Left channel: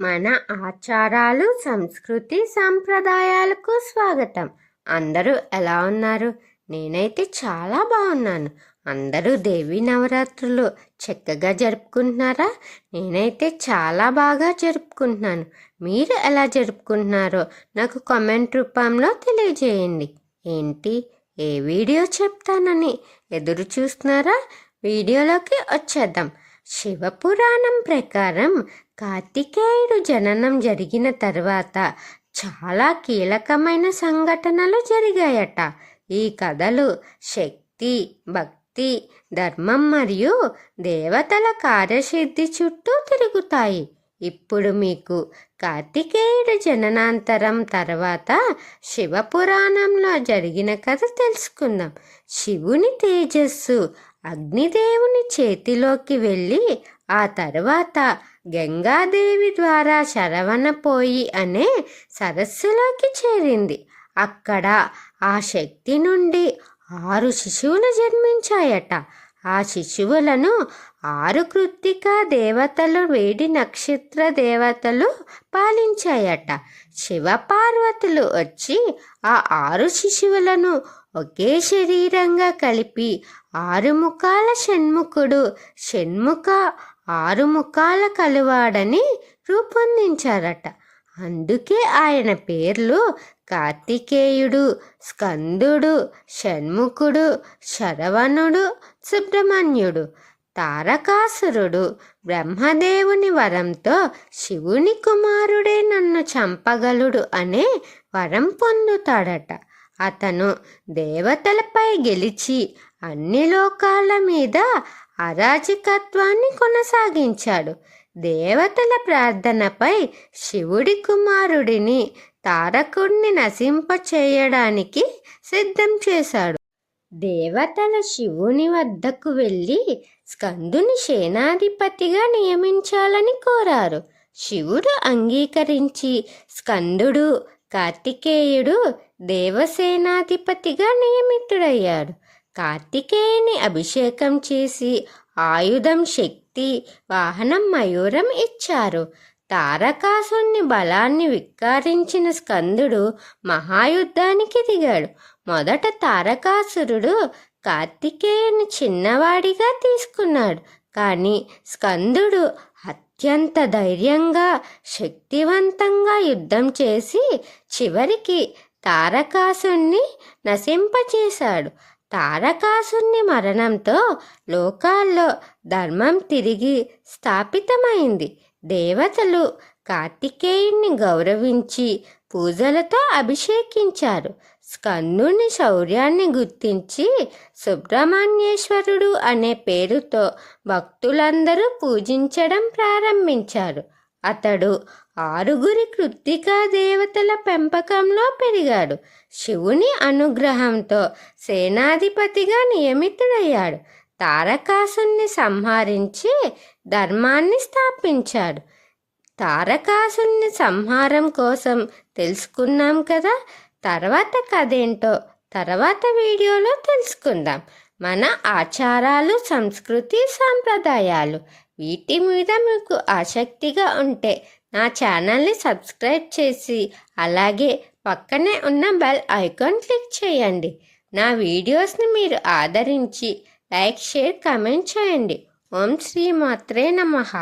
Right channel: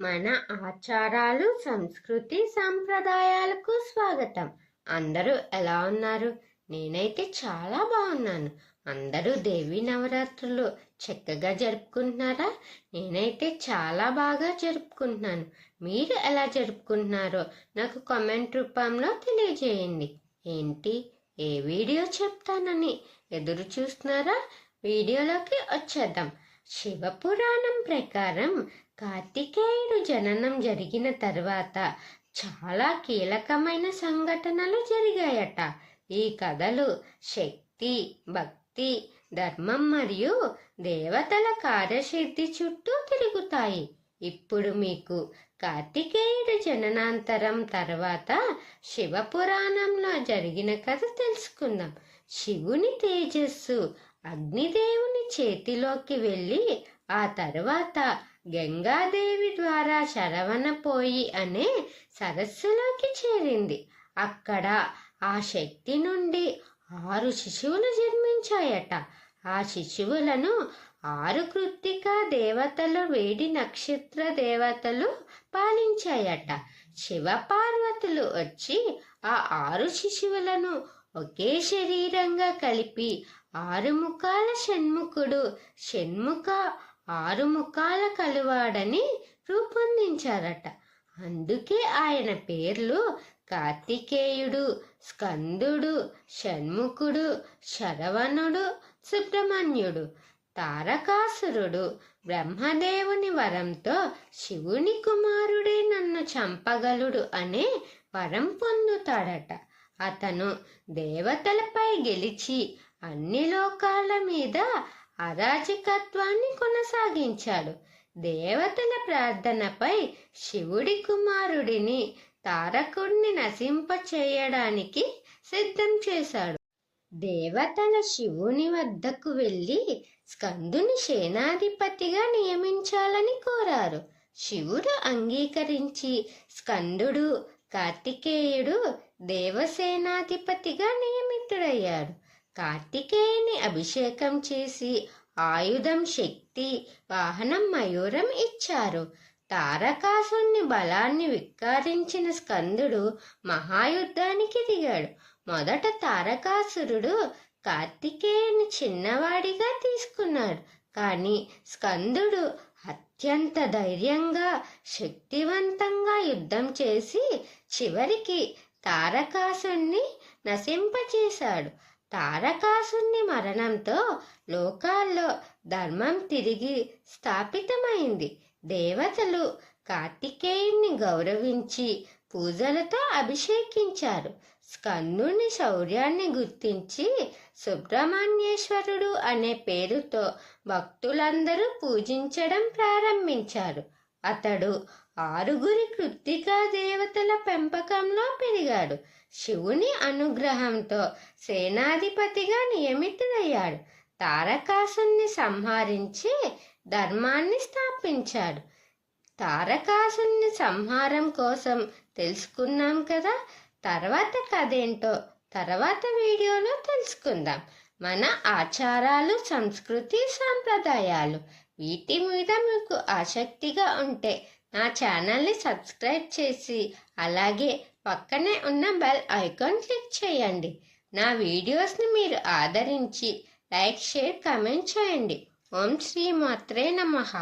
మన ఆచారాలు సంస్కృతి సాంప్రదాయాలకు స్వాగతం. అందరూ ఎలా ఉన్నారు? నేనైతే చాలా బాగున్నాను. అందరూ దేవి నవరాత్రులు చక్కగా జరుపుకుంటున్నారా? నేనైతే చాలా బాగా జరుపుకుంటున్నాను. మీరు ఎలా జరుపుకుంటున్నారో నాకు కామెంట్ రూపంలో తెలియజేయండి. ఏంటి? ఏ వీడియో చెప్తానని ఎదురు చూస్తున్నారా? వీడియోలోకి వచ్చేద్దాం. శివపురాణం ప్రకారం కార్తికేయుడు జననం జరిగిన తర్వాత చాలా కీలకమైన సంఘటనలు జరిగాయట. ఈ కథలు శక్తి భక్తి ధర్మం మరియు దేవతల కార్యసిద్ధి చుట్టూ తిరుగుతాయి. ఇప్పుడు మీకు కార్తికేయుడు జననాంతరం తర్వాత శివపురాణంలో జరిగిన కథ తెలుసుకుందాం. శివుని తేజస్సు అగ్నిదేవుని చేతిలోకి వెళ్ళి ఆ తర్వాత గంగాదేవి ద్వారా శరవణపోయి అనే సరస్సులోకి చేరింది. అక్కడ ఆ శక్తి నుండి ఆరు శిశువులు జన్మించాయట. ఆ శిశువులను ఆరు కృత్తిక దేవతలు వేడి నక్షత్ర దేవతలు పాలించాయట. శివపార్వతులు వచ్చి ఆ ఆరు శిశువులను ఒకే శరీరంగా కలిపి ఆరు ముఖాల షణ్ముఖుడు షణ్ముఖ ఆరు ముఖాల కలువాడని రూపొందించారట. అందుకే ఆయన పేర్లు కార్తికేయుడు స్కందుడు షణ్ముఖుడు శరవణుడు సుబ్రహ్మణ్యుడు. తారకాసురుడు బ్రహ్మదేవుని వరంతో శివుని కుమారుడే నన్ను చంపగలుడు అనే వరం పొందుతాడట. అతను దేవతలపై గెలిచి అన్ని లోకాల మీద అరాజకత్వాన్ని కొనసాగించాడు. దేవతల ప్రార్థనపై శివుడి కుమారుడిని తారకుడిని నశింపచేయడానికి సిద్ధం చేశాడు. దేవతల శివుని వద్దకు వెళ్ళి స్కందుని సేనాధిపతిగా నియమించాలని కోరారు. శివుడు అంగీకరించి స్కందుడు కార్తికేయుడు దేవసేనాధిపతిగా నియమితుడయ్యాడు. కార్తికేయుని అభిషేకం చేసి ఆయుధం శక్తి వాహనం మయూరం ఇచ్చారు. తారకాసుని బలాన్ని విక్కారించిన స్కందుడు మహాయుద్ధానికి దిగాడు. మొదట తారకాసురుడు కార్తికేయుని చిన్నవాడిగా తీసుకున్నాడు. కానీ స్కందుడు అత్యంత ధైర్యంగా శక్తివంతంగా యుద్ధం చేసి చివరికి తారకాసుని నశింపచేశాడు. తారకాసుని మరణంతో లోకాల్లో ధర్మం తిరిగి స్థాపితమైంది. దేవతలు కార్తికేయుణ్ణి గౌరవించి పూజలతో అభిషేకించారు. స్కందుని శౌర్యాన్ని గుర్తించి సుబ్రహ్మణ్యేశ్వరుడు అనే పేరుతో భక్తులందరూ పూజించడం ప్రారంభించారు. అతడు ఆరుగురి కృత్తికా దేవతల పెంపకంలో పెరిగాడు. శివుని అనుగ్రహంతో సేనాధిపతిగా నియమితుడయ్యాడు. తారకాసుని సంహరించి ధర్మాన్ని స్థాపించాడు. తారకాసుని సంహారం కోసం తెలుసుకున్నాం కదా? తర్వాత కథేంటో తర్వాత వీడియోలో తెలుసుకుందాం. మన ఆచారాలు సంస్కృతి సాంప్రదాయాలు వీటి మీద మీకు ఆసక్తిగా ఉంటే నా ఛానల్ని సబ్స్క్రైబ్ చేసి అలాగే పక్కనే ఉన్న బెల్ ఐకాన్ క్లిక్ చేయండి. నా వీడియోస్ని మీరు ఆదరించి లైక్ షేర్ కమెంట్ చేయండి. ఓం శ్రీ మాత్రే నమః.